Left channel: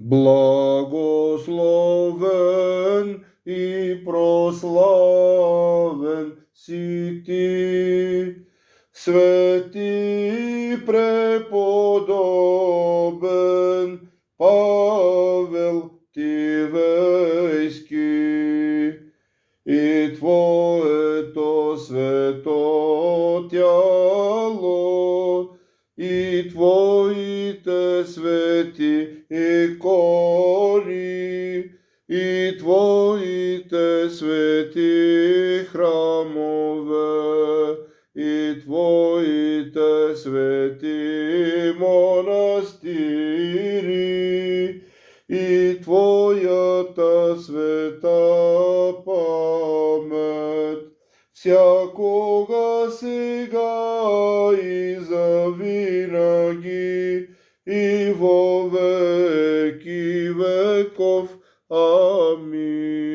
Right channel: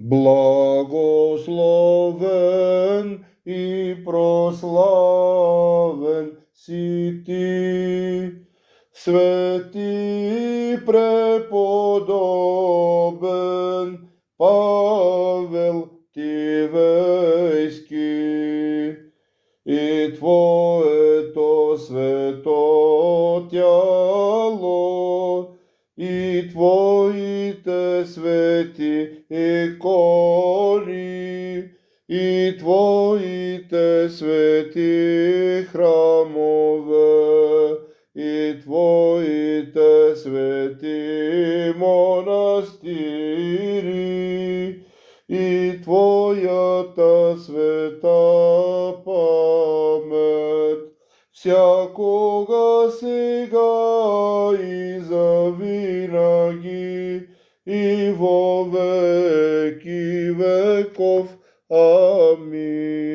Благословен и прославен си ти, свети преподобен Павел Тивејски, и Твоето свето тяло, и Твоите свети икони, и Твоите свети храмове, и Твоите свети монастири, и Твојата света памет, всякога сега и завинаги и во веки веков. Амин.